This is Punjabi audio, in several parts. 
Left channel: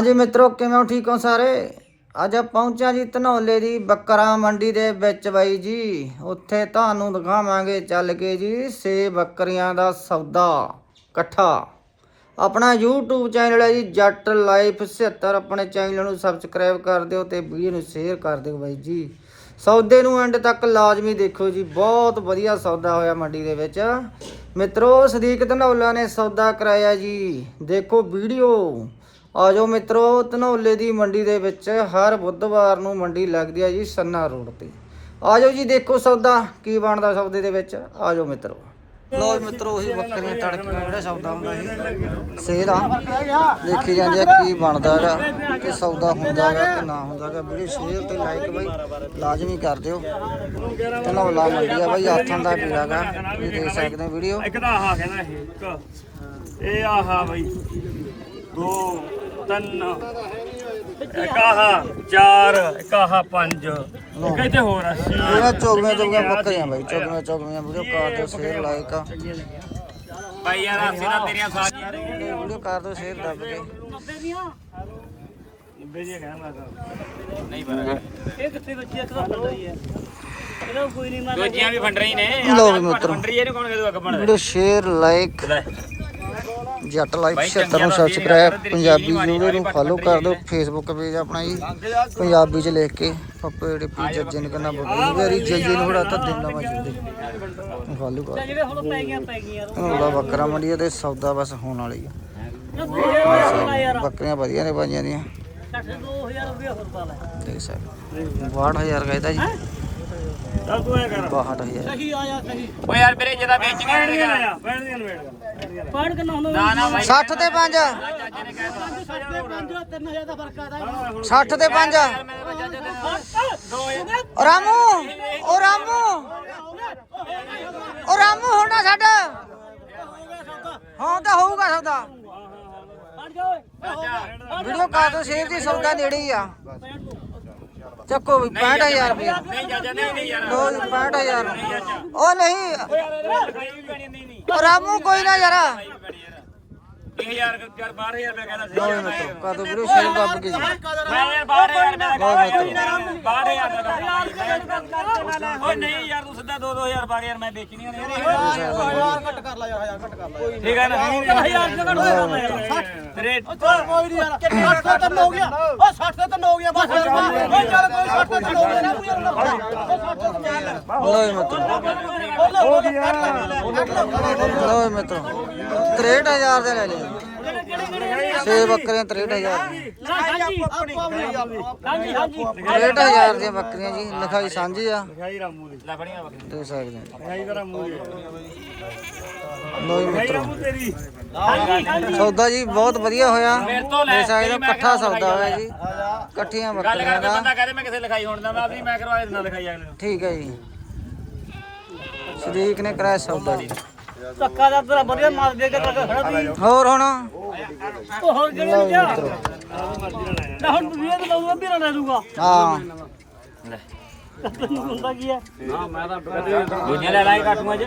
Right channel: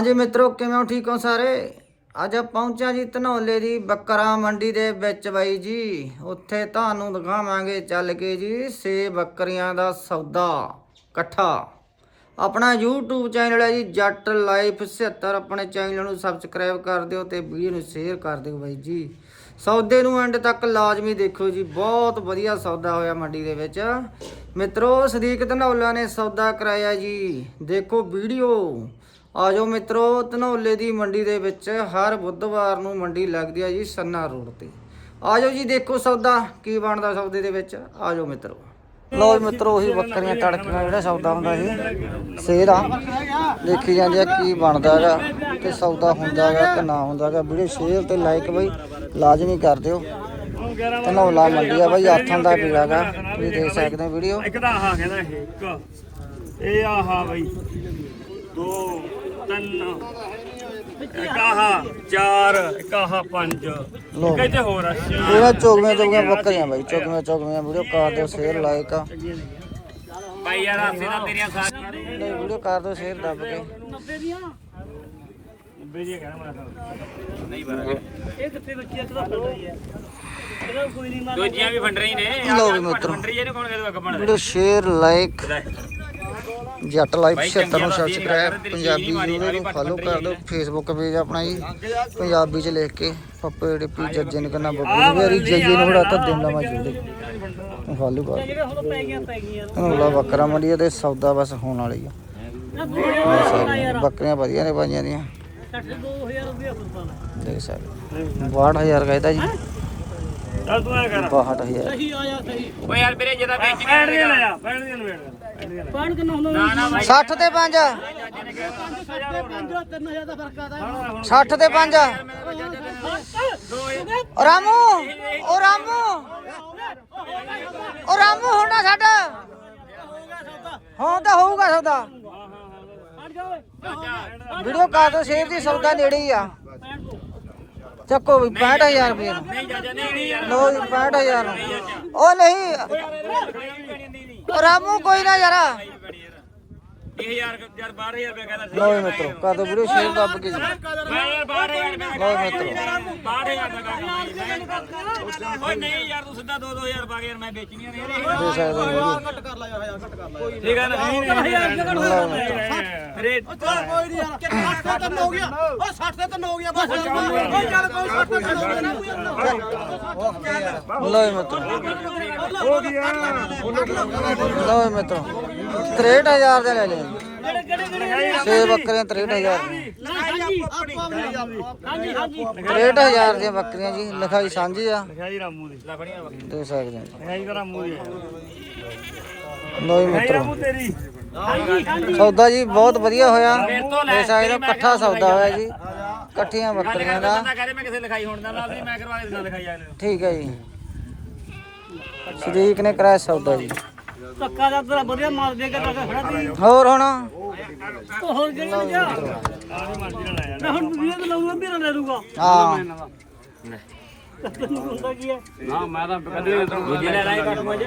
ਹਾਂਜੀ ਮਿੱਤਰੋ, ਕਿਵੇਂ ਹੋ? ਠੀਕ ਹੋ ਸਾਰੇ? ਅੱਜ ਪਹੁੰਚਿਆ ਜੀ ਧਨੌਲੇ ਦੀ ਬੱਕਰਾ ਮੰਡੀ ਦੇ ਵਿੱਚ ਬਾਈ ਜੀ। ਉੱਥੇ ਤੁਹਾਨੂੰ ਦਿਖਾਵਾਂਗੇ ਚੱਲ ਕੇ ਜੀ ਸੇ ਬੱਕਰੀਆਂ ਦਾ ਸੌਦਾ ਇਕੱਠਾ। ਆਪਣਾ YouTube ਚੈਨਲ ਹੈ ਜੀ, ਜੱਟ ਲਾਈਫ 76 ਆਪਣੇ ਚੈਨਲ ਨੂੰ ਸਬਸਕ੍ਰਾਈਬ ਕਰ ਦਿਓ ਤੇ ਵੀਡੀਓ ਨੂੰ ਸ਼ੇਅਰ ਕਰ ਦਿਓ ਬਾਈ ਜੀ। ਸੌਦੇ ਨੂੰ ਐਂਡ ਤੱਕ ਲਾਜ਼ਮੀ ਦੇਖੋ ਜੀ, ਬਹੁਤ ਵਧੀਆ ਸੌਦਾ ਹੋਇਆ ਮੰਡੀ ਦੇ ਵਿੱਚ। ਮਿੱਤਰੋ, ਸਦੀਕ ਧਨੌਲਾ ਨੇ ਸੌਦਾ ਕਰਾਇਆ ਜੀ। ਦੇਖੋ ਵੀਡੀਓ। ਆਜੋ ਮਿੱਤਰੋ, ਧਨੌਲੇ ਦੀ ਮੰਡੀ ਦੇ ਵਿੱਚ ਹਰ ਬੁੱਧਵਾਰ ਨੂੰ ਮੰਡੀ ਲੱਗਦੀ ਹੈ ਜੀ ਸੰਨਾ ਰੋਡ ਤੇ। ਆਜੋ ਜੀ, ਦੇਖੋ ਸੌਦਾ, ਕੀ ਬਣਦਾ ਸੌਦੇ ਦੇ ਵਿੱਚ। ਆਜੋ ਮਿੱਤਰੋ। ਲੋ ਜੀ ਮਿੱਤਰੋ, ਉਹੀ ਬੱਕਰੀਆਂ ਤੜਕੀਆਂ ਜਿਹੜਾ ਸੌਦਾ ਹੁੰਦਾ ਜੀ। ਸੇਲ ਆ। ਦੇਖੀ ਜਾਂਦੀ ਆ ਕੀ ਬਣਦਾ ਹੈਗਾ ਤੇ ਸੌਦਾ ਹੁੰਦਾ ਹੈਗਾ ਕਿ ਨਾ ਹੁੰਦਾ ਹੈਗਾ। ਵੀਡੀਓ ਸ਼ੇਅਰ ਤੇ ਲਾਈਕ ਬਈ, ਲਾਜ਼ਮੀ ਕਰ ਦਿਓ। ਧਨੌਲਾ ਮੰਡੀ ਆ ਬਈ ਆਥਾਂ ਦਾ ਪੀੜਾ ਗਾ ਤੁਸੀਂ ਦੇਖ ਸਕਦੇ ਹੋ ਵੀਡੀਓ। ਇੱਕ ਤਾਂ ਆਹ ਕਹਿੰਦਾ ਇਹ, ਇੱਕ। ਇਹ ਆਹਾ ਬਈ, ਦੋ। ਤਿੰਨ। ਇੱਕ ਆਹ ਚਾਰ ਇੱਕ ਆਹ ਪੰਜ। ਲਓ ਇੱਕ ਇੱਥੇ ਹੋਰ ਆ ਛੇ। ਪੂਰਾ ਚੋਗਵੇਂ ਚੋਗਵੇਂ ਬੱਕਰੀਆਂ ਬਾਈ ਚੋਗਵੇਂ ਚੋਗਵੇਂ ਵੀਡੀਓ ਕਰ ਦਿਓ ਸ਼ੇਅਰ ਲਾਈਕ ਆ। ਬਾਈ ਯਾਰ ਅਸੀਂ ਨਾ ਤੇਰੀਆਂ ਸਾਰੀਆਂ ਵੀਡੀਓ ਕਰ ਦਿਓ ਸ਼ੇਅਰ ਦੱਬ ਕੇ। 90 ਦੀਆਂ 90 ਦੀਆਂ ਕਹਿਣਾ ਇਹ ਕਿੱਥੇ ਗੁੱਚੀਆਂ ਤਾਂ। ਫੰਡ ਰਹੀ ਹੈ ਕੋਈ ਨਹੀਂ ਮਾਰ ਦੂਜੀਆਂ ਵੀ ਫੰਡ ਰਹੀ ਨੇ। ਲੋ ਵੀ ਮਿੱਤਰੋ। ਫੰਡ ਰਹੀ ਇਹਨੂੰ ਕੌਣ ਕਹਦੂ ਅੱਗ ਬਣ video share like Jatt live 76 ਨੂੰ ਸਬਸਕ੍ਰਾਈਬ ਪੰਜਾਬੀ ਜੂੜੇ ਨੂੰ ਫਾਲੋ ਕਰ ਦਿਓ ਫੇਸਬੁੱਕ ਪੇਜ ਆਪਣਾ ਜੀ, ਪੰਜਾਬੀ ਚ ਲਿਖ ਕੇ, ਪੱਪੇ ਡਿੱਪੀ ਜੱਜੇ ਨੂੰ ਕਹਿੰਦਾ ਬੱਬੂ ਨੂੰ ਵੀ ਜੱਜੇ ਨੂੰ ਹੜਾ ਤਾਂ ਦਿਨ ਲਵਾ ਚੁੱਦੇ ਫਾਲੋ ਕਰ ਦਿਓ। ਬੱਕਰਾ ਮੰਡੀ ਤੇ ਸੌਦਾ ਬਸ ਹੋਣ ਵਾਲੀ ਆ। ਬੱਕਰੀਆਂ ਵਧੀਆ ਨੇ ਪਾਈਆਂ ਦੀਆਂ। 60 2000 ਰੁਪਏ ਹੋਰ ਪਾ ਲੈ ਦੇਖ ਸਕਦੇ 62000 ਕਹਿੰਦਾ ਜੀ। ਚੱਲ ਤੂੰ ਐ ਕਰ। 62000 ਸਹੀ ਆਇਆ ਸਹੀ। ਓ ਯਾਰ ਵੀਰੇ ਜਦਾ ਵੇਚ ਬੈਠ ਗਿਆ ਆ ਬੈਠ ਗਿਆ ਵੇਟ ਪਾਣ ਕਿੰਨਾ ਹੁੰਦਾ? ਨਾ ਨਾ 60 ਤੇ 5 60 ਦੇ 5 3000 ਦਾ ਫ਼ਰਕ ਆਦਾ 60 ਤੇ 5 ਓ ਰਾਮੂ ਓ ਰਾਮੂ। ਓ ਰਾਮੂ ਹੋਣਾ ਸਾਡਾ ਹਾਂ ਤਾਂ ਹੋਊਗਾ ਸੌਦਾ। ਵੀਡੀਓ ਕਰ ਦੋ ਸ਼ੇਰ ਦੀ ਸੌਦਾ ਨੇੜੇ ਹੀ ਆ। ਚੱਕੋ ਵੀ 65000 ਰੁਪਏ ਨਹੀਂ ਜਾਜਾ ਨਹੀਂ ਨਹੀਂ ਯਾਰ। ਲੋ ਜੀ 65000 ਨੂੰ। ਉਹ ਨਹੀਂ। ਓ ਰਾਮੂ ਕੋਈ ਨਾ ਯਾਰਾ। 20000 ਯਾਰ 12000 ਰੁਪਏ ਕਹਿੰਦਾ ਸੀ। ਲੋ ਜੀ ਮਿੱਤਰੋ ਕਰ ਦੋ ਵੀਡੀਓ ਸ਼ੇਰ ਦੱਬ ਕੇ ਜੀ ਮੈਂ ਯਾਰ 12000 ਰੁਪਏ ਲੋ ਮਿੱਤਰੋ। 62000 ਦਾ ਓਏ ਨਹੀਂ ਯਾਰ ਤੂੰ ਸਿੱਧਾ 2 2000 ਪਾ ਕੇ ਯਾਰ ਮੈਂ ਵੇਚਣੀ ਨਹੀਂ ਦੇ ਸਕਦੇ ਹੋ ਵੀਡੀਓ ਠੀਕ ਹੈ ਨਾ 1000 ਜਗੜ ਲਓ ਮਿੱਤਰੋ ਰੇਟ ਕੋਈ ਨਹੀਂ ਯਾਰ 60 ਤੇ ਤਿੰਨ ਹੋ ਗਿਆ ਉਹ 60 ਤੇ ਤਿੰਨ ਹੋ ਗਿਆ ਬਸ ਓਏ ਚੱਲ ਕੋਈ 60 ਤੇ ਤਿੰਨ ਹੋ ਗਿਆ ਨਾ ਲੋ ਜੀ ਮਿੱਤਰੋ ਲੋ ਜੀ ਮਿੱਤਰੋ 63000 ਦੇ ਲੈ ਲਿਆ ਸੇ ਬੱਕਰੀਆਂ 63000 ਦੀਆਂ ਹਾਂਜੀ ਹਾਂਜੀ। 63000 ਦੀਆਂ ਬੱਕਰੀਆਂ ਜੀ ਲਿਖਾਈ ਸਾਂਝੀ ਆ। ਹੈ ਰਾਮੂ ਦੀ। ਲਖਣੀਆਂ ਬੱਕਰੀ ਦੇ ਸਕਦੇ ਹੋ ਹੈ ਰਾਮੂ ਦੀ। ਲੋ ਜੀ ਮਿੱਤਰੋ। ਤੇਰੀ। ਹਾਂਜੀ ਹਾਂਜੀ। ਸੌਦਾ ਜੀ ਬਹੁਤ ਵਧੀਆ ਹੋਇਆ। ਮੇਰੇ ਤੋਂ ਲੈ ਦੇ ਸਕਦੇ ਇਕੱਠਾ ਸੌਦਾ ਹੋਇਆ ਜੀ। ਇਕੱਠੀਆਂ ਬੱਕਰੀਆਂ ਦਾ। ਬੰਦਾ ਕਹਿੰਦੇ ਮੈਂ ਕਿਸੇ ਲਿਖਾਈ ਹੋਣ ਦਾ ਮੈਂ ਵੀ ਮੈਂ ਕਰਵਾ ਦੇਣਾ ਲਿਖਾਈ ਅਗਲੇ ਨੂੰ। ਠੀਕ ਹੈ ਜੀ। ਸ਼ਰੀਕ ਨੇ ਕਰਾਇਆ ਸੌਦਾ ਜੀ। ਧੱਕਾ ਦਾ ਤੇਰਾ ਵਧੀਆ ਮਾਰ ਦੇਗਾ ਧੱਕਾ ਖੜਾ ਦੀ ਹੋਰ ਹੁਣ? ਹੋਰ ਕਿਹੜੇ ਜੀ ਨਾ ਹੁਣ ਵੀਰੇ ਤੇ ਲਾਉਂਗਾ ਵੀਰਾ ਲੈ ਲੂਗਾ ਹਾਂ। ਤੈਨੂੰ ਹੁੰਦਾ ਕੀ ਹੈ? ਦੂਜੇ ਲੈ ਲਾਏ ਕਾਟੂਆਂ 'ਚ।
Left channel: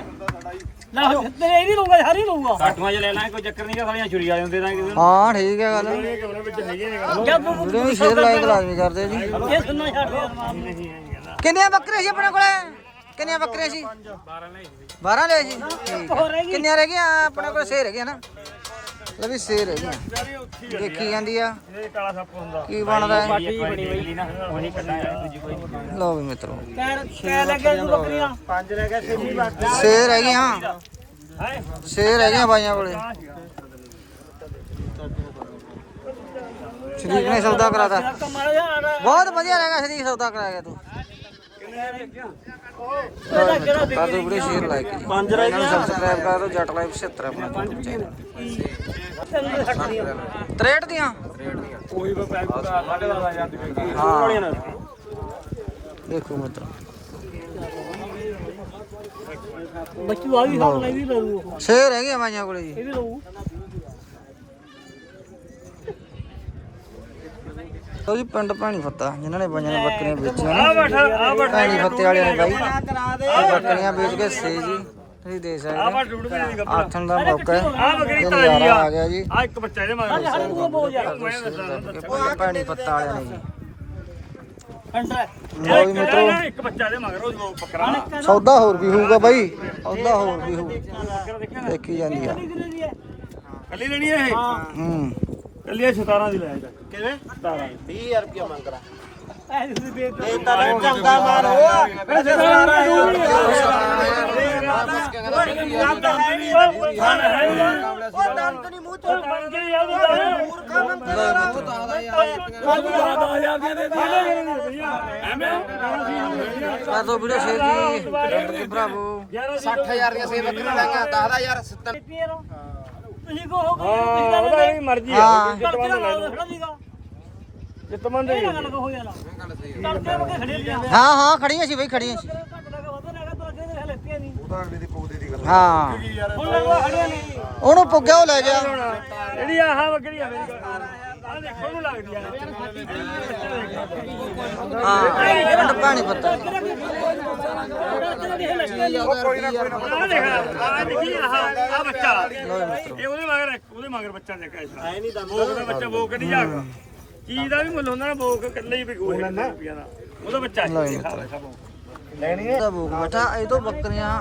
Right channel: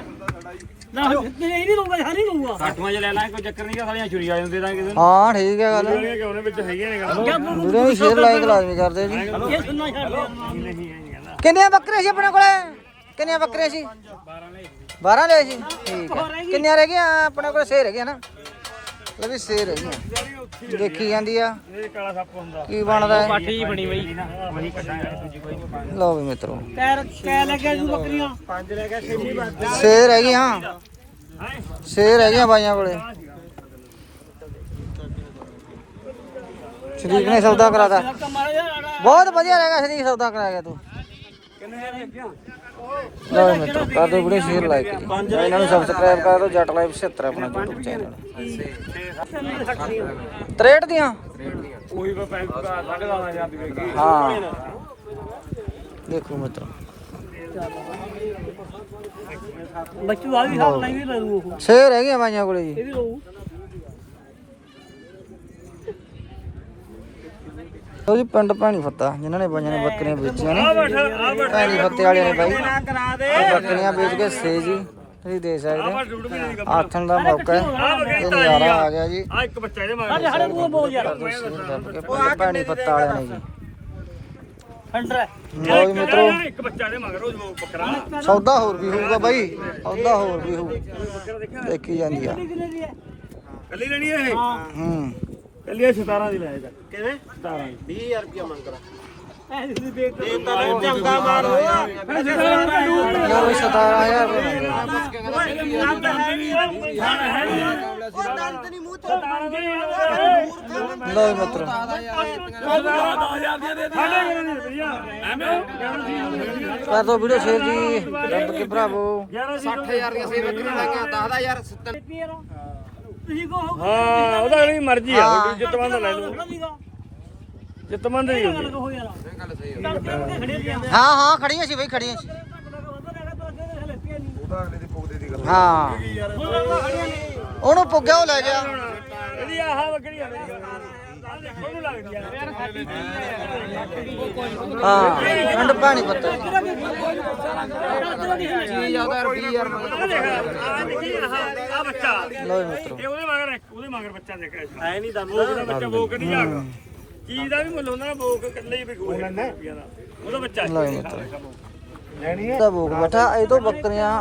ਨਾ ਹੁਣ ਤੇ ਇਹ ਨਹੀਂ ਲਊਗਾ ਹਰ ਹੀ ਲਊਗਾ। ਕਾਟੂਆਂ 'ਚ ਲੈ ਲਾਏ ਕੋਈ ਚੱਕਰ ਨਹੀਂ ਕਿ ਸਾਲੀਆਂ ਛੁਰੀ ਵਾਲੇ ਹੁੰਦੇ ਤਾਂ ਕਿਸੇ ਹਾਂ ਠੀਕ ਹੈ ਗੱਲ। ਕਿ ਉਹਨੇ ਵਿੱਚ ਹੈਗੇ ਨੇ ਗੱਲ। ਵੀਡੀਓ ਵੀ ਸ਼ੇਅਰ ਲਾਈਕ ਲਾਜ਼ਮੀ ਕਰਦੇ ਜੀ ਇਹ ਸੁਣਨਾ ਛੱਡ ਦੇ ਯਾਰ ਮਾਂ ਨਹੀਂ ਕਹਿੰਦਾ ਕਿੰਨੀਆਂ ਬੱਕਰੀਆਂ ਸੀ ਆਪਣੇ ਕੋਲੇ? ਕਿੰਨੀਆਂ ਬੱਕਰੀਆਂ ਸੀ? 12 ਲੈ 12 ਲਏ ਸੀ? ਠੀਕ ਹੈ। ਕਿੰਨੀਆਂ ਰਹਿ ਗਈਆਂ? ਆਪਣੇ ਕੋਲ ਸੇ ਰਹਿ ਗਈਆਂ ਨਾ। ਲੈ ਵੀ ਸੇ ਰਹਿ ਦੇਖੀ ਜਾਂਦੀ ਆ। ਇਹ ਕਾਲਾ ਸੱਪ ਹੁੰਦਾ ਕੀ ਬਣਦਾ ਹੈ? ਠੀਕ ਬਣੀ ਬਈ ਲਓ ਵੀ ਮਿੱਤਰੋ। ਕੈ ਕੈ ਲੈ ਕੇ ਬੱਕਰੀਆਂ ਪੰਜ ਲੈ ਕੇ ਛੇਵੀਂ ਬੱਕਰੀ ਸੇ ਰਹਿ ਗਈਆਂ ਹੈ ਸੇ ਰਹਿ ਗਈਆਂ ਬਾਈਆਂ ਕੋਲੇ। ਸ਼ਰੀਕ ਨੇ ਸੌਦਾ ਕਰਾਤਾ। ਬਹੁਤ ਵਧੀਆ ਰਹਿ ਗਿਆ, ਸ਼ਰੀਕ ਸੌਦਾ ਕਰਾਇਆ ਤੂੰ। ਲਓ ਮਿੱਤਰੋ ਕਰ ਦਿਓ ਵੀਡੀਓ ਸ਼ੇਅਰ ਲਾਈਕ ਜੀ। ਇਹਨਾਂ ਨੂੰ ਸਬਸਕ੍ਰਾਈਬ ਕਰ ਦਿਓ ਜੱਟ ਲਾਈਵ 76 ਆਪਣਾ YouTube ਚੈਨਲ 63 ਦੀਆਂ? ਉਹੀ ਬਾ 10000 ਦੀ ਵੇਚੀ ਹਾਂ ਦੇਖੋ ਮਿੱਤਰੋ। ਬੱਚੂ ਆ ਵੀ ਖਾਣ ਲਈ ਵੀ ਲਊ ਉਹ। ਸੇ ਰਹਿ ਗਈਆਂ ਬਾਈਆਂ ਕੋਲੇ ਜੀ। ਇਹ ਵੀ ਲਊ। ਲਓ ਜੀ ਪਿੰਡ ਭੈਣੀ ਫੱਤਾ ਜਿਨ੍ਹਾਂ ਨੇ ਬਾਈਆਂ ਨੇ ਬੱਕਰੀਆਂ ਵੇਚੀਆਂ ਨੇ। ਭੈਣੀ ਫੱਤੇ ਵਾਲਿਆਂ ਨੇ ਬਾਈ ਇਹ ਬੱਕਰੀਆਂ ਵੇਚ ਕੇ ਸੇ ਜੀ ਤੁਸੀਂ ਦੇਖ ਸਕਦੇ ਆਥਣ ਦਾ ਮੌਕਾ ਇਹ ਨਜ਼ਾਰਾ ਆ ਗਿਆ ਜੀ। ਆ ਇੱਕ ਬੱਚਾ ਇਹਦੇ ਮਗਰ। ਪਾਣੀ ਪੱਤਾ ਵਾਲਿਆਂ ਨੇ ਜੀ। ਅੰਡਰ ਲਓ ਜੀ ਮਿੱਤਰੋ ਇੱਕ ਬੱਚਾ ਇਹਦੇ ਮਗਰ ਉਹ ਬੱਕਰਾ। ਸੌਦਾ ਹੋਰ ਵੀ ਹੋਊਗਾ ਬਾਈ ਸੌਦਾ ਹੋਰ ਵੀ ਹੋਊ। ਦੇਖੀ ਜਾਂਦੀ ਆ। ਦੀ ਕੱਲੀ ਲੈਣੀ ਹੈ ਇਹ? ਹੂੰ। ਕੱਲੀ ਇਹ 17 ਦੀ ਲੈ ਜਾ। ਕਿਵੇਂ? 17 ਦੀ। ਐ ਤੁਸੀਂ ਦੇਖ ਇਹ ਤਾਂ ਚੰਗਾ ਮਾਲ ਹੋਇਆ ਫਿਰ 17 ਚਲੋ 17000 ਲਓ ਜੀ ਮਿੱਤਰੋ ਕਰ ਦੋ ਵੀਡੀਓ ਸ਼ੇਅਰ ਜੀ। ਰੱਬ ਕੇ ਭਰਾਵੋ। 60000 ਦੀਆਂ ਸੇ ਲਾਈਆਂ 10000 70 ਤੁਸੀਂ ਕੋ ਹੋ ਉਹਦਾ ਵੀ ਮਰਜ਼ੀ ਹਾਂ। ਹੈ ਜਿੱਤ ਮੰਨ ਲੈ ਖੜਾ ਦੀਗਾ ਜਿੱਤ ਮੰਨ ਇਹ ਦੇ ਗੱਲ ਕਹੋ ਯਾਰ। ਤੜਕੇ ਬੱਕੇ ਖੜੇ ਲੀਆਂ ਹਾਂ ਹਾਂ ਖੜੀਆਂ ਸੀ ਬਈ ਖੜੀਆਂ ਸੀ। ਹਾਂ। ਹੁਣ ਲਗਾ ਖੜੀਆਂ ਨੇ ਉਹਨੂੰ ਪੁੱਗਿਆ ਉਹ ਲੈ ਗਿਆ। ਇਹਦੀ ਆਹ ਬੱਕਰੀ ਆ ਮੇਰੀ ਆ ਦੇਖੋ ਉਹਨੂੰ ਲੱਗਦੀ ਆ। ਹਾਂ ਠੰਡ ਪਾਣੀ ਪੱਤਾ। ਤੇਰਾ ਕੀ ਲੱਗੀਆਂ ਆਹ ਦੇਖ ਆਹ ਦੇਖੀ ਆਹ ਆਹ ਬੱਚਾ ਲਓ ਜੀ ਮਿੱਤਰੋ। ਇਹ ਉਹਦੇ ਮਗਰ ਉਹਦੇ ਮਗਰ ਬੱਚਾ ਦੇਖਿਆ ਐ ਨਹੀਂ ਦਾ ਬੋਕ ਦਾ ਬੱਚਾ ਬੋਕ ਨਹੀਂ ਆ ਚੀਜ਼ ਦਾ ਵੀ ਮੁੱਲ ਹੁੰਦਾ ਨਾ ਬੋਕ ਇਕੱਲੇ ਹੀ ਵਿਕੂ ਹੈ ਰੁਪਿਆ ਦਾ। ਉਹਦਾ ਬੱਚਾ ਲਓ ਜੀ ਮਿੱਤਰੋ। ਲੈਣੀ ਹੈ ਤਾਂ ਭੂਖ ਬੈਠਾ ਇਹ ਤੋਂ ਬੱਕਰੀਆਂ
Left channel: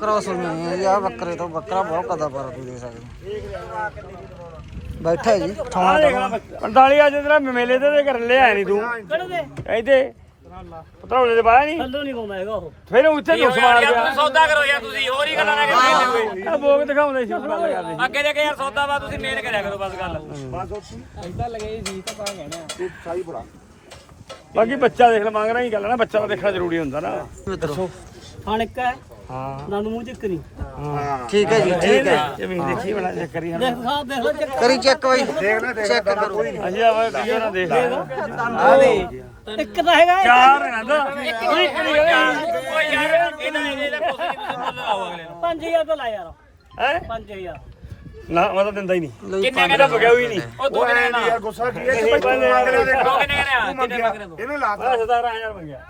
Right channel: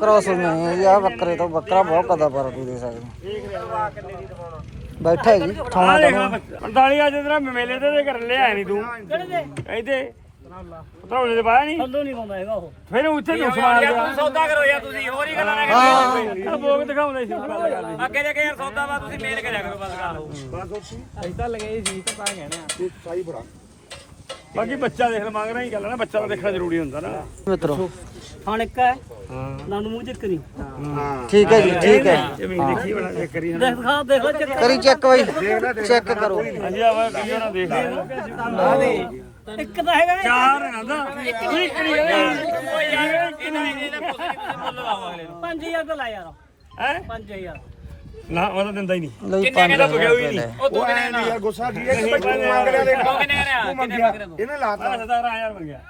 ਕ੍ਰਾਸ ਹੋਈਆਂ ਹੋਈਆਂ ਜੀ। ਆ ਬੱਕਰੇ ਤੋਂ ਬੱਕਰਾ ਬਹੁਤ ਕਦਾ ਪਰ ਤੁਸੀਂ ਦੇ ਸਕਦੇ। ਹੋ। ਬੈਠਾ ਹੈ ਜੀ ਥਾਣਾ ਟਣਵਾ 45 ਅੱਜ ਤੇਰਾ ਮੇਲੇ ਤੇ ਤੇ ਕਰ ਲਿਆ ਨਹੀਂ ਤੂੰ। ਕਿਹੜੇ ਦੇ ਇੱਥੇ ਪਤਾਉਣੇ ਦੇ ਬਾਹਰ ਨਹੀਂ? ਥੱਲੋਂ ਨਹੀਂ ਪਾਉਂਦਾ ਹੈਗਾ ਉਹ। ਫਿਰ ਉੱਥੇ ਨੂੰ ਸਵਾਲ ਗਿਆ। ਸੌਦਾ ਕਰੋ ਯਾਰ ਤੁਸੀਂ ਹੋਰ ਹੀ ਗੱਲਾਂ ਨਾ ਹਾਂ। ਆ ਬੋਕ ਦਿਖਾਉਂਦੇ ਸੀ। ਕਰੋ ਅੱਗੇ ਦੇ ਕੇ ਯਾਰ ਸੌਦਾ ਵਾ ਤੁਸੀਂ ਮੇਲ ਕਰਿਆ ਕਰੋ ਬਸ ਗੱਲ। ਬਾਕੀ ਬੱਚਾ ਦੇਖ ਲੈ ਮੰਗ ਹੀ ਗੱਲ ਨਾ ਬੱਚਾ ਤਾਂ ਦੇਖਣਾ ਜ਼ਰੂਰੀ ਹੁੰਦਾ ਨਾ। ਮਿੱਤਰੋ ਥਾਣ ਇੱਕ ਹੈ। ਨੰਦ ਮੂੰਹ ਚੱਕ ਨਹੀਂ ਠੀਕ ਹੈ ਜੀ ਠੀਕ ਹੈ। ਜ਼ਮੀਨ ਦੇਖੀ ਬਣਾ ਚੈੱਕ ਕਰੀ ਦੇਖ ਲੈ ਚੱਕ। ਕਰੀ ਚੈੱਕ ਬਾਈ ਚੈੱਕ ਕਰੋ। ਹਾਂਜੀ ਆ ਕੀ ਨਾ ਦੇਖ ਲੈ। ਇੱਕ ਤਾਂ ਹੈਗਾ। ਚਾਰ ਨਾ ਇੱਕ ਨਹੀਂ ਇਹਦਾ ਇਹਦਾ ਮੁੱਲ ਲਾਓ ਅਗਲੇ ਨੂੰ 5000 ਤਾਂ ਲਾ ਯਾਰ। ਹੈ? 5000 ਨਾ ਉਹ ਤਾਂ ਦਿੰਦਾ ਹੀ ਨਹੀਂ। ਲਓ ਜੀ 5000 ਰੁਪਏ ਉਹ ਤੂੰ ਨਾ ਯਾਰ ਗੁੱਸਾ ਕੀ ਹੈ ਕਿ ਬਈ ਤੂੰ ਮੰਗ ਲਿਆ ਦੇਖ। ਤੂੰ ਮੰਗਿਆ। ਇਹਨੇ ਲਾਤਾ। 17000 ਮੰਗਿਆ।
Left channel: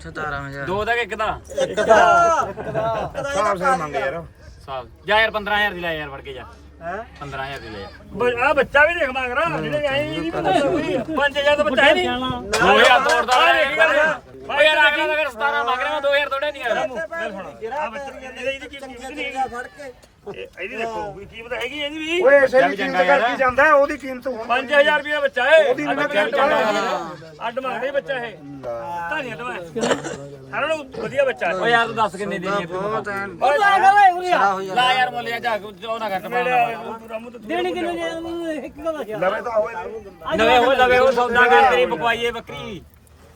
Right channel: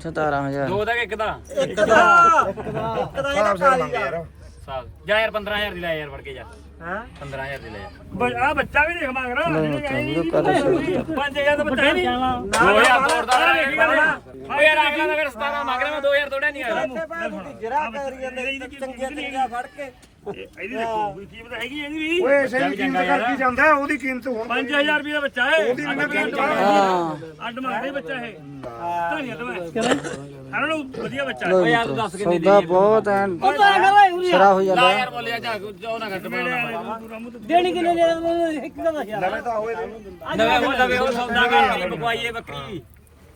17000 ਦੋ ਦਾ ਕਿ ਇੱਕ ਦਾ? ਹਿਸਾਬ ਸਿਰ ਮੰਗ ਯਾਰ। ਸਾਲ ਜਾ ਯਾਰ 15000 ਦੀ ਲੈ ਯਾਰ ਫੜ ਕੇ ਜਾ। ਹੈ? 15000 ਦੀ ਲੈ ਯਾਰ ਆ ਬੱਚਾ ਵੀ ਦੇਖ ਮੰਗ ਲਓ ਜੀ ਰਹਾ ਮਿੱਤਰੋ ਵੀਡੀਓ ਕਰ ਸ਼ੇਅਰ 5000 ਦਾ ਬੱਚਾ ਹੈ ਨਹੀਂ ਜਾਣਾ 2000 ਤੋੜ ਦਾ ਓ ਯਾਰ ਅਗਲਾ ਤਾਂ ਫਿਰ 17 ਮੰਗ ਰਿਹਾ ਮੈਂ 2000 ਤੋੜਿਆ ਨਹੀਂ ਆਇਆ ਇਹਦੀ ਦੇਖੋ ਵੀ ਕੀਮਤ ਹੈਗੀ? ਇਹਦੀ ਵੀ? ਓਏ ਇਸੇ ਦੀ ਕੀਮਤ ਕਰਕੇ ਜਾਂਦਾ ਉਹਦੀ ਕੀਮਤ ਹੁਣ 5000 ਰੁਪਏ ਬੱਚਾ ਹੈ। ਉਹਦੀ ਨਾ ਕੀਮਤ ਹਾਂ। ਅੱਡ ਮਾਰੇ ਬੱਚਾ ਹੈ। ਧਾਰੀਆਂ ਤੋਂ ਹਣਾ ਨੂੰ ਵਧੀਆ ਬੱਚਾ ਹੈ। ਲਓ ਜੀ ਯਾਰ ਦੱਸ ਕਿੰਨੇ ਦੀ ਸੌਦਾ ਬਹੁਤ ਐਨ ਉਹ ਤਾਂ ਕਰੇ ਉਰੇ ਸਰਾ ਹੋ ਜਾਂਦਾ। ਲਾ ਯਾਰ ਮੁੱਲ ਜਾ ਜੋ ਨਾ ਤੇ ਦੇਣੀ ਕਿੰਨੇ ਦੇ ਇੱਕ ਦਾ ਯਾਰ। ਲਵੇ ਤਾਂ ਹੋਏ ਨਵੇਂ ਹੋ ਜਾਵੇ ਉਹ ਸੌਦਾ ਕਰ ਮੇਰੀ ਬਕਵਾਈਏ ਬੱਕਰੀ।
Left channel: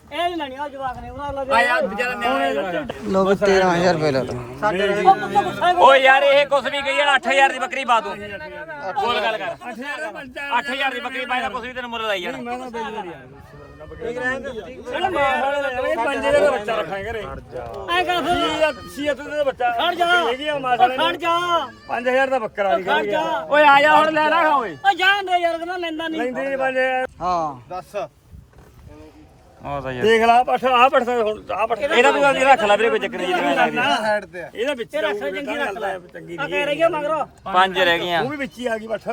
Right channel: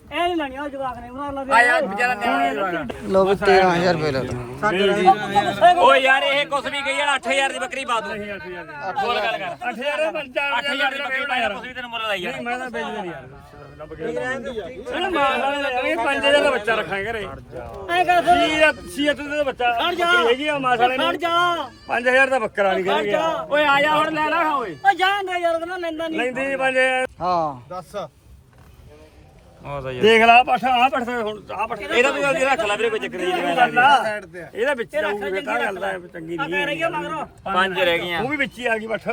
ਇਹ ਨਹੀਂ ਲੈਣੀ ਆ ਜਵਾਕ ਨੇ ਉਹਨਾਂ ਲਾ ਆ ਯਾਰ ਵਿਚਾਰਾ ਨਿਆਣਾ ਲਓ ਵੀ 13000 ਰੁਪਏ ਲੈ ਲਓ। ਓ ਯਾਰ ਇਹ ਕੁਛ ਵੀ ਗਈ ਯਾਰ 8000 ਦੀ ਬੱਕਰੀ ਪਾ ਦੂੰ। ਬੋਲ ਗੱਲ ਕਰ। 8000 ਦਾ ਬੱਚਾ 8000 ਦੀ ਬੱਕਰੀ ਪਾ ਯਾਰ ਕੁਛ ਵੀ ਤੈਨੂੰ ਮੁੱਲ ਲਾਈ ਯਾਰ ਮੈਂ ਤਾਂ ਵੇਚ ਦੇਣੀ ਇਹ 5000 ਦਾ ਬੱਚਾ ਰੱਖਿਆ ਕਰੇ ਐ ਕਰ ਫਿਰ ਸੀਅਤ ਦਾ ਬੱਚਾ ਖੜ ਜਾ ਹੈਗੀ ਆ ਮਾਸਾ ਖੜ ਜਾ 5000 ਦਾ ਬੱਕਰਾ ਨਹੀਂ ਖੜ ਜਾ ਓਏ ਆ ਜਾ ਹੁਣ ਲੈ ਲੈ ਓਏ ਓ ਜਾਣ ਦੇ ਯਾਰ ਕਹਿੰਦਾ ਲੈਂਦਾ ਨਹੀਂ ਲੈਂਦੇ ਬਲੇ ਹਾਂ ਦੇਖ ਲਾ ਪਾਠਾ ਆ ਪੜਦਾ ਹੁਣ ਆ ਪੜ ਇਹਦਾ ਤੂੰ ਅੱਜ ਰੱਖ ਲੈ ਵੀਰੇ ਕੋਈ ਚੱਕਰ ਇਹਦਾ ਵਿੱਚ ਤੇਰਾ ਚੰਗੀ ਰੱਖ ਲੈ ਹੈ ਚੰਗੀ ਆ ਨਹੀਂ ਕਹਿ ਮਗਰੋਂ ਪੰਜ ਰਹਿ ਗਈਆਂ। ਉਹ ਵੀ ਵਿੱਚ ਹੀ ਆ ਗਈ ਬੱਠ।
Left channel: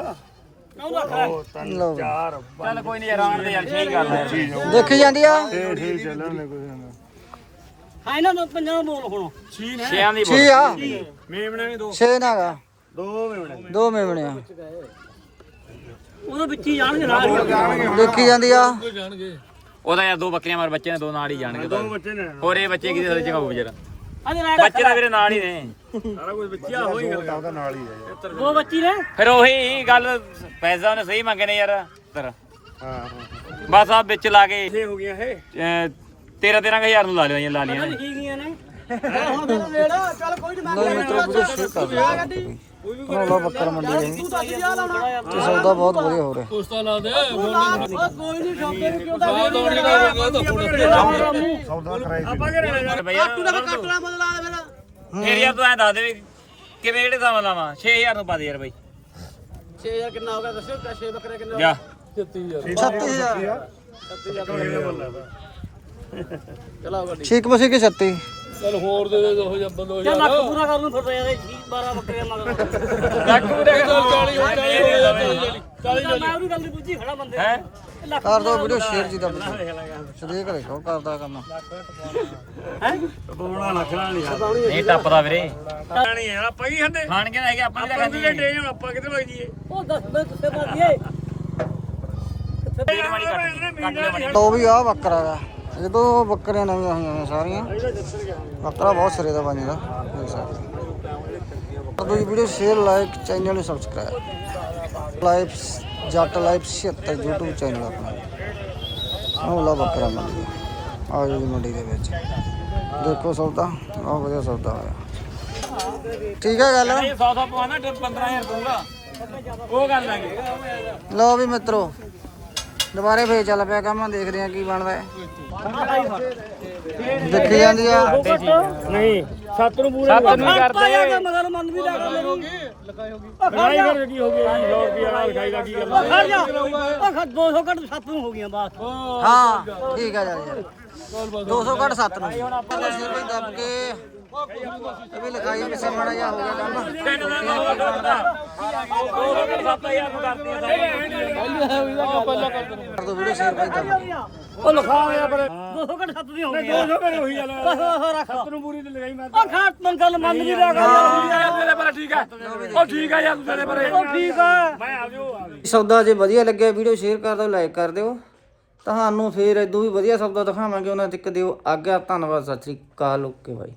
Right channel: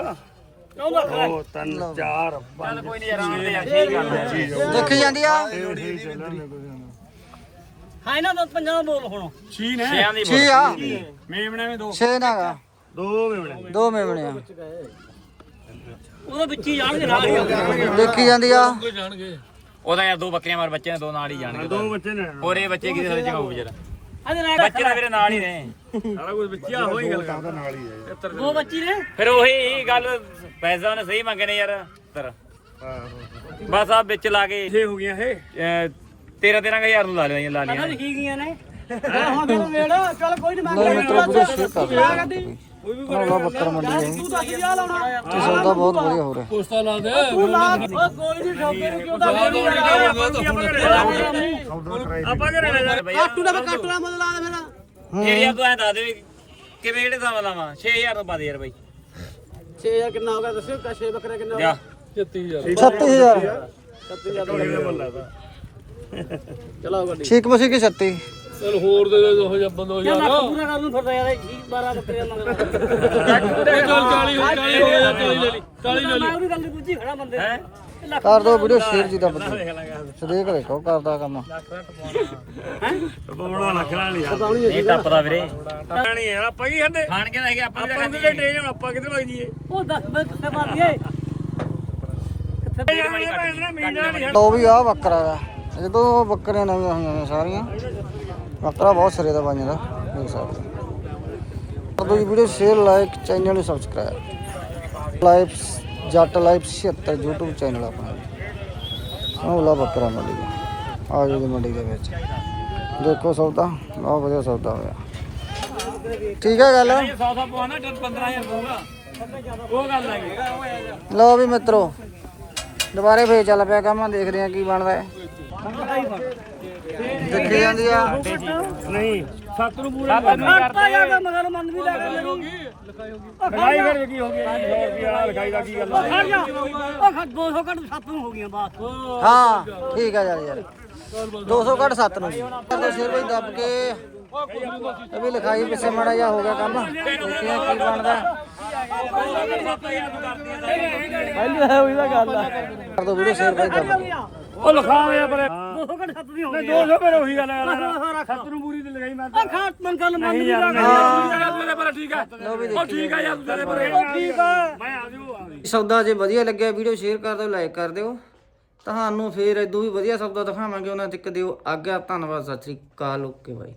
ਲੈ ਦੋ ਤਿੰਨ ਲਓ। ਚਾਰ ਚੱਲ ਕੋਈ ਨਹੀਂ ਆਰਾਮ ਦੇ ਯਾਰ ਠੀਕ ਗੱਲ ਹੈ ਦੇਖੀ ਜਾਂਦੀ ਆ? ਹਾਂ ਇਹਨਾਂ ਦਾ ਪੰਜਾਂ ਦਾ ਬੋਲ ਹੁਣ। ਛੀ ਨੇ। ਛਿਆਂ ਦੀ 6 ਆ? ਮੇਮਣਾ ਵੀ ਦੋ। 6 ਨਾਗਾ ਦੋ ਮੇਮਣੇ। ਦੋ ਮੇਮਣੇ ਆ। ਉਹਦੇ ਵਿੱਚ ਹੀ ਜਾਣਗੇ ਨਾਲ ਹੀ। ਦੇਖੀ ਜਾਂਦੀ ਆ? ਉਹਦਾ ਯਾਰ ਦੋ ਬੱਕਰੀਆਂ ਮਾਰ ਬੱਚੇ ਨੇ ਦੋ ਨਾਲ ਹੀ ਜਾਣਗੇ ਦੋ ਬੱਚੇ ਨੇ। ਹੋਰ ਇਹ ਬੱਚੇ ਵਿਚਾਰਾ ਅੱਜ ਲੈ ਬੱਚੇ ਤਾਂ ਵੀਰੇ ਨਾਲ ਹੀ ਨੇ। ਸਾਰਾ ਕੁਝ ਵਿੱਚ ਆ ਹੋਈ ਗੱਲ ਉਹਦਾ ਨਾਲ ਹੀ ਹੈ ਦੋ ਬੱਚੀ ਨੇ? ਫਿਰ ਉਹੀ ਗੱਲ ਪੈਸਾ ਉਹਨੇ ਸਹੀ ਮੰਗੇ ਨੇ ਯਾਰ ਤਰ ਬਸ ਆ ਵਿੱਚ ਲਾ ਕੇ ਇਹ ਹੋ ਗਿਆ ਇਹ। 13 13000 ਨੂੰ ਲਾ ਲਿਆ ਲਾ ਪਤਾ ਲਿਆ ਨਹੀਂ ਕੀ ਗਈਆਂ ਨੇ। ਹੁਣ ਮੇਰੇ ਚੱਲ ਕੋਈ ਨਹੀਂ ਜੀ ਮਿੱਤਰੋ ਵੀਡੀਓ ਸ਼ੇਅਰ ਕਰ ਦਿਓ ਲਓ ਬੱਕਰ ਮੰਡੀ ਇਹ। ਤੇ ਸੌਦਾ ਬਹੁਤ ਵਧੀਆ ਹੋ ਰਿਹਾ। ਕੋਈ ਨਹੀਂ ਸ਼ੌਕੇ ਕਿਉਂ ਆਪਾਂ ਕਰੇ ਬਈ ਕੱਟ ਲਾ ਮਨ ਲਾ ਦੇ ਮੇਰਾ ਫਿਰ ਯਾਰ ਤੂੰ ਐ ਦੱਸ ਦੇ ਕਿਵੇਂ ਕਿਹੜੇ ਸਾਵਾਂ ਲਾਵਾਂ 6000 ਤੋਂ ਪਾ ਦੇ ਯਾਰ ਬਈ 6000 ਕਿੰਨਾ ਹੋ। ਗਿਆ ਦੱਸਿਓ ਕਾ 6 ਬੱਕਰੇ ਕਿੰਨਾ ਜਾ 36000 ਚਲੋ ਠੀਕ ਮਸੀ ਕੀ 36 ਚਲ ਹੋਰ ਦੇ ਦੇ ਦੋ ਜਾਂ ਬੰਦੋ ਜਾਂ ਲੱਖ ਪੂਰਾ ਕਰਨ ਨੂੰ ਫਿਰਦਾ ਯਾਰ 12 ਬੱਕਰੀਆਂ ਮਗਰ ਚੱਲ 40 ਹੋ 40 ਹੋ ਗਿਆ 40 ਲੈ ਲਈ 40 ਲੈ ਲਈ। ਮੈਂ ਵੀ ਗੱਲ ਦੀ ਪੁੱਛੀ ਖੜਾ ਬੰਦੇ ਲੱਖ ਕਰ ਦੋ ਵੀਡੀਓ ਸ਼ੇਅਰ ਜੀ ਦਾ ਬੱਕਰੀ ਸਦੇਕ ਦੇਖੋ ਕਰਦਾ ਕੰਮ। ਬੋੜਾ ਨਖਰਾ ਨਹੀਂ ਯਾਰ ਇਹ ਟੱਪਦਾ ਵੀਰੇ। ਨਹੀਂ ਯਾਰ ਆਪਾਂ ਕੀ ਖਾਂਦੇ? ਖਾਣ ਕੇ ਲੈ ਕੇ ਆਪਾਂ ਨੂੰ ਤਾਂ ਨਹੀਂ ਆਪਾਂ ਕਿੱਥੇ ਲੱਗ ਜੀਏ ਉਹ ਦੱਸ ਮੈਂ ਕਿੱਥੇ ਮਾਰ ਦਈਏ ਪੀੜ ਵਾਲੀ ਕੱਟ ਕੱਟ ਲਿਆ ਲੋ ਵੀ ਆ ਬੱਕਰਾ ਵਾ। ਜਦੋਂ ਬੱਕਰੀਆਂ ਨਵੀਆਂ ਹੋਈਆਂ ਨੇ ਸਾਰੀਆਂ। ਬੱਕਰਾ ਬਹੁਤ ਸਿਰੇ ਦਾ ਬਣਦਾ ਦੇਖ ਸਕਦੇ ਹੋ। ਕਰ ਦਿਓ ਜੀ ਵੀਡੀਓ ਸ਼ੇਅਰ ਲਾਈਕ ਚੈਨਲ ਨੂੰ subscribe live Jatt live 76 YouTube channel ਆਪਣਾ ਜੀ ਆਹ ਲਾ ਬੱਕਰਾ ਮੰਡੀ ਦਾ। ਆ ਜੀ ਮੰਡੀ ਦੇ ਵਿੱਚ। ਦੇਖੋ ਸੌਦਾ ਬਹੁਤ ਵਧੀਆ ਸੌਦਾ ਹੋਇਆ। ਠੀਕ ਹੈ ਗੱਲ? 100 100 ਪਵਾਣਾ 15000 ਦੂੰਗਾ ਉਹ ਗੱਲ ਆ ਗਈ ਲਓ ਵੀ ਮਿੱਤਰੋ ਦੁਬਾਰੇ ਫੇਰ ਚੱਲ ਪਿਆ ਕੰਮ ਦੇਖਦੇ ਆ ਕੀ ਬਣਦਾ ਹੈ। ਦੇਖੀ ਜਾਂਦੀ ਆ। ਨਹੀਂ ਸੱਤ ਨੂੰ ਪੂਰੇ ਕਰਤਾ ਯਾਰ ਮਗਰ ਮਨ ਵੀ ਲੱਗਾ ਮੇਰੀ। ਲਗਾਈ ਫਿਰ ਕੀ ਹੋ ਗਿਆ ਜੀ 100 ਰੁਪਿਆ ਲਿਖਾਈ ਦਾ ਕੀ ਗੱਲ ਆ? ਖੜ ਜਾ। ਉਹ ਖੜ 200 ਘੱਟ 7 ਨੂੰ ਹੋ ਗਈਆਂ ਬਸ ਹਾਂ ਠੀਕ ਆ ਯਾਰ ਯਾਰ। 200 ਘੱਟ 7 ਨੂੰ। ਜੀ ਕਰਦਾ ਸ਼ੇਰ ਭਾਈ ਦੱਬ ਕੇ ਵੀ ਲਿਖਾਈ ਪਿੱਛੇ ਮਾੜਾ ਜਿਹਾ ਹੋ ਗਿਆ ਕੰਮ। ਦੇਖਦੇ ਆ ਕੀ ਬਣਦਾ। ਕਰ ਦੋ ਵੀਡੀਓ ਸ਼ੇਰ ਭਾਈ ਦੱਬ ਕੇ। ਉਹ ਲਿਖਾਇਆ ਫਿਰ। 200 ਘੱਟ 7 ਦੀ ਹੋ ਗਈ 200 ਫਿਰ ਉਹੀ ਗੱਲ ਆ। ਬਸ ਉਹ ਰੱਖ। ਸੱਤ ਨੂੰ ਪੂਰੀ ਤੇ ਲਗਾਈ ਮੈਂ ਉਹ ਖਾਟ ਮਨ ਗੱਲ ਮੰਨ ਵੀ ਲੱਗਾ ਤੇਰੇ ਪਰ ਠੀਕ ਆ। ਲਓ ਵੀ ਉਹ ਠੀਕ ਆ ਯਾਰ ਤੇਰੇ ਪਰ ਠੀਕ ਆ। ਮੈਂ ਆ ਜਾਊ ਆ ਜਾਊ। ਸੌਦਾ ਜੇ ਵਧੀਆ ਲੱਗਿਆ ਵੀਡੀਓ ਸ਼ੇਅਰ ਕਰ ਦਿਓ ਲਾਈਕ ਕਰ ਦਿਓ। ਤੁਹਾਨੂੰ ਫੇਰ ਇਦੋਂ ਵੀ ਵਧੀਆ ਸੌਦਾ ਦਿਖਾਵਾਂਗੇ ਉਹਨਾਂ ਤੱਕ ਦਿਓ। ਆਗਿਆ ਧੰਨਵਾਦ ਸਤਿ ਸ੍ਰੀ ਅਕਾਲ ਓਕੇ ਬਾਈ।